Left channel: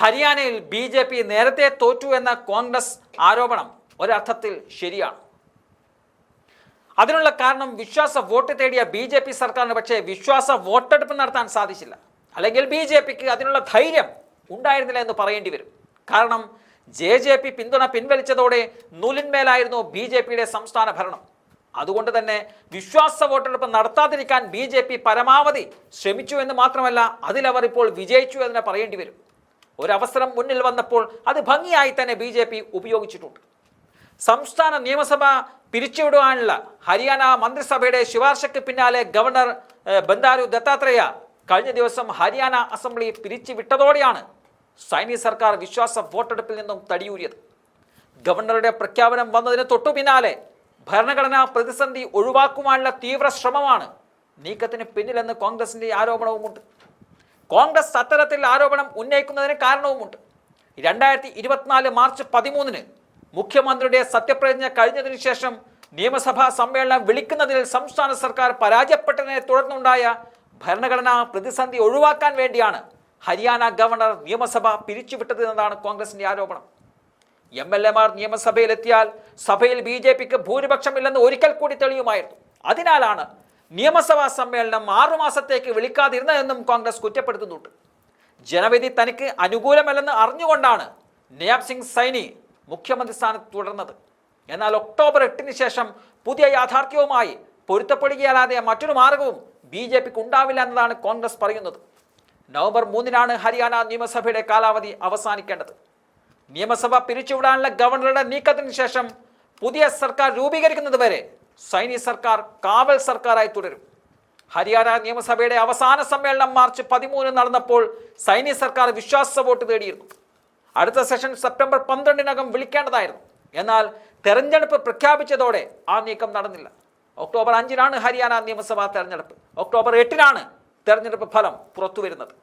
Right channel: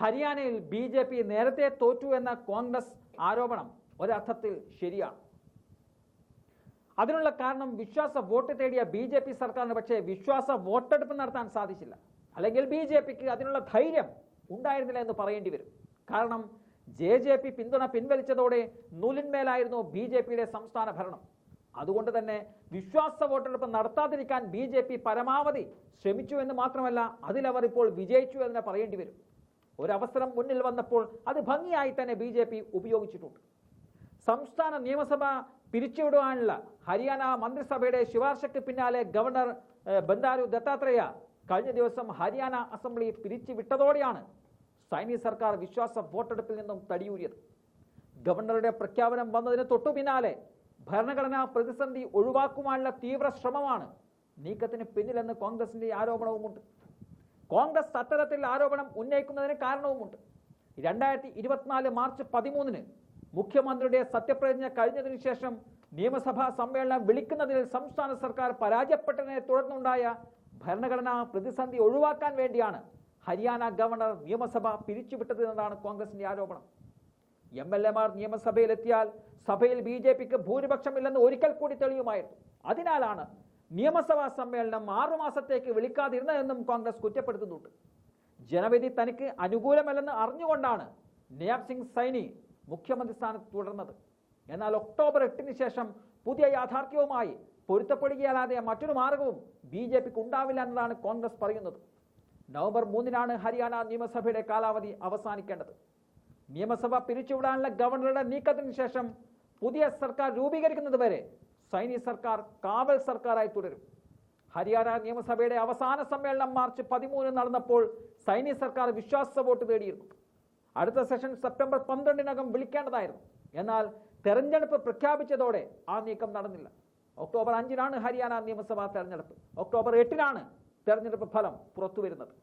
ഹരിയാനയിൽ B J P നേരത്തെ തോറ്റു എന്ന കോൺഗ്രസ് ആരോപണം ഒരർത്ഥത്തിൽ ശരിയാണ്. അതിനുള്ള കാരണം വിശ്വാസ വോട്ട് തേടിയ ബി ജെ പി സർക്കാരിന് പക്ഷേ വിശ്വാസ വോട്ടെടുപ്പ് നടത്താൻ സാധിച്ചില്ല. അല്ലെങ്കിൽ ബി ജെ പിക്ക് അതിനുള്ള ധൈര്യം ഉണ്ടായിരുന്നില്ല എന്ന് പറയേണ്ടി വരും. കാരണം ജെ ജെ പി പിന്തുണ പിൻവലിച്ചതോടെ നൂലിന്മേലായിരുന്നു ബി ജെ പിയുടെ സംസ്ഥാന ഭരണം. അതുകൊണ്ട് തന്നെ വിശ്വാസ വോട്ടെടുപ്പ് നടത്താതിരിക്കാൻ ബി ജെ പി പരമാവധി ശ്രമിച്ചു എന്ന് മാത്രമല്ല അതിലവർ ഇപ്പോൾ വിജയിച്ചു എന്ന് പറയേണ്ടി വരും. ഒരവസരം മുന്നിൽ വന്നപ്പോൾ അത് ഭംഗിയായി തന്നെ ബി ജെ പി ഉപയോഗിച്ചിട്ടുണ്ട്. സംസ്ഥാന നിയമസഭ പിരിച്ചുവിടുവാനുള്ള ഹരിയാന മന്ത്രിസഭയുടെ ശുപാർശയ്ക്ക് പിന്നാലെ ഗവർണർ ബന്ദാരു ദത്താത്രേയ കഴിഞ്ഞ ദിവസം ഹരിയാന അസംബ്ലി പിരിച്ചുവിട്ടതോടെയാണ് സൈനിക സർക്കാർ വിശ്വാസ വോട്ടെടുപ്പിൽ നിന്നും തടിയൂരിയത്. ഗവർണറുടെ പ്രഖ്യാപനം വന്നതിന് തൊട്ടു പിന്നാലെ ഭരണഘടനാ പ്രതിസന്ധി ഒഴിവാക്കുവാനുള്ള തീവ്ര ശ്രമമാണ് നീക്കത്തിന് പിന്നിലെന്ന് കോൺഗ്രസിന്റെ ആരോപണവുമുണ്ട്. കോൺഗ്രസ് അത്തരത്തിൽ ആരോപണം ഉന്നയിക്കുന്നതിന് കാരണവുമുണ്ട്. രണ്ടായിരത്തി ഇരുപത്തിനാല് മാർച്ച് പതിമൂന്നിന് മുഖ്യമന്ത്രിയുടെ സത്യപ്രതിജ്ഞ കഴിഞ്ഞതിനു ശേഷം നിയമസഭാ സമ്മേളനം വിളിക്കുന്നതിൽ സംസ്ഥാന സർക്കാർ പരാജയപ്പെട്ടതിനെ തുടർന്നുണ്ടായ ഭരണഘടനാ പ്രതിസന്ധി ഒഴിവാക്കാൻ വേണ്ടിയാണ് ഹരിയാന ഗവർണർ നിയമസഭ പിരിച്ചുവിട്ടത് എന്നതാണ് കോൺഗ്രസിന്റെ ആരോപണം. എം എൽ എമാർ നിയമസഭയിലെത്തിയാൽ സഭയിൽ ബി ജെ പിക്ക് ഭൂരിപക്ഷമില്ലെന്ന് ഒരിക്കൽ കൂടി തെളിയുമായിരുന്നു. അതിനാലാണ് നിയമസഭാ സമ്മേളനം ആറുമാസത്തേക്ക് വിളിക്കാതിരുന്നതെന്നും കോൺഗ്രസ് കുറ്റപ്പെടുത്തുന്നുണ്ട്. ജനവിധി തനിക്ക് അനുകൂലമല്ലെന്ന് അറിഞ്ഞുകൊണ്ടാണ് നയാബ് സിംഗ് സൈനി മുഖ്യമന്ത്രി സ്ഥാനത്ത് തുടർന്നത്. എന്നാൽ ഒക്ടോബർ എട്ടിന് ശേഷം പുതിയ യാഥാർത്ഥ്യവുമായി പൊരുത്തപ്പെടുകയല്ലാതെ മറ്റൊരു മാർഗവും ബി ജെ പിക്ക് ഉണ്ടാവില്ല എന്നതാണ് കോൺഗ്രസ് പറയുന്നത്. നവംബർ മൂന്നിനാണ് ഹരിയാന നിയമസഭയുടെ കാലാവധി അവസാനിക്കേണ്ടത്. നിയമസഭ പിരിച്ചുവിടാനുള്ള ഗവർണറുടെ നീക്കത്തിന് ശേഷം പുതിയ സർക്കാർ രൂപീകരിക്കുന്നത് വരെ സൈനിക് സർക്കാർ കാവൽ സർക്കാരായി തുടരും. ഹരിയാന നിയമസഭയുടെ അവസാന സമ്മേളനം മാർച്ച് പതിമൂന്ന് നടന്നപ്പോൾ സൈനിക സർക്കാർ വിശ്വാസ വോട്ട് തേടിയിരുന്നു. അടുത്ത സെഷൻ സെപ്റ്റംബർ പന്ത്രണ്ടിനകം വിളിക്കേണ്ടതായിരുന്നു. എന്നാൽ തെരഞ്ഞെടുപ്പ് പ്രഖ്യാപിച്ചതോടെ ആ നീക്കം നടന്നില്ല. ഒക്ടോബർ അഞ്ചിനാണ് ഹരിയാന നിയമസഭാ തെരഞ്ഞെടുപ്പ്. ഒക്ടോബർ എട്ടിനാണ് തെരഞ്ഞെടുപ്പ് ഫലം പുറത്തുവരുന്നത്.